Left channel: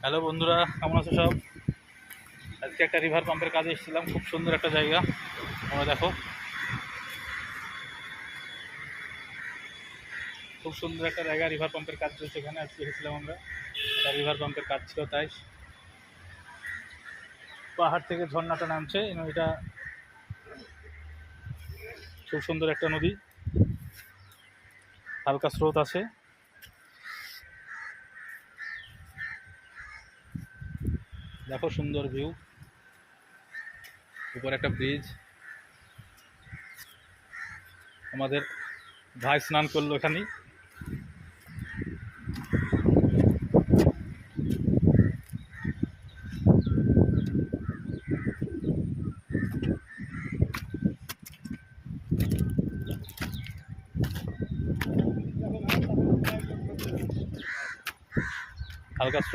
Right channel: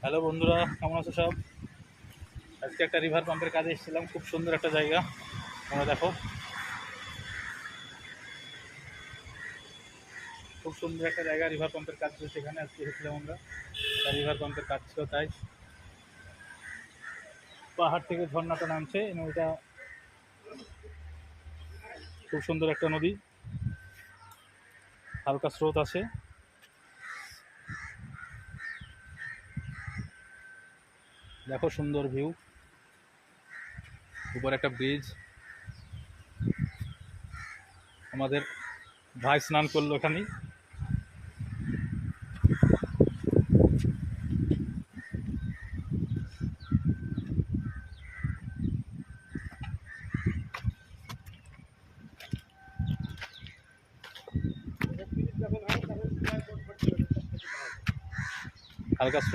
হ্যালো বন্ধুরা, কেমন আছো সব? আজকে একটা রিভার পাম্পের কাজে এসেছিলাম। খুব সুন্দর একটা জায়গা। তোমরা দেখো, খুব সুন্দর একটা জায়গা। রিভার পাম্পের কাজ চলছে এখানে। আজকে এসেছিলাম আমরা, একটা রিভার পাম্পের কাজ ছিল তাই। পাহাড় থেকে ঝর্ণাটা নামছে। নদীটা খুব সুন্দর একটা নদী, হালকা স্রোত আছে। দেখো সুন্দর ভিউ। উপরে একটা ব্রিজ। আমাদের ভাই স্নান করলো এখানেই। হালকা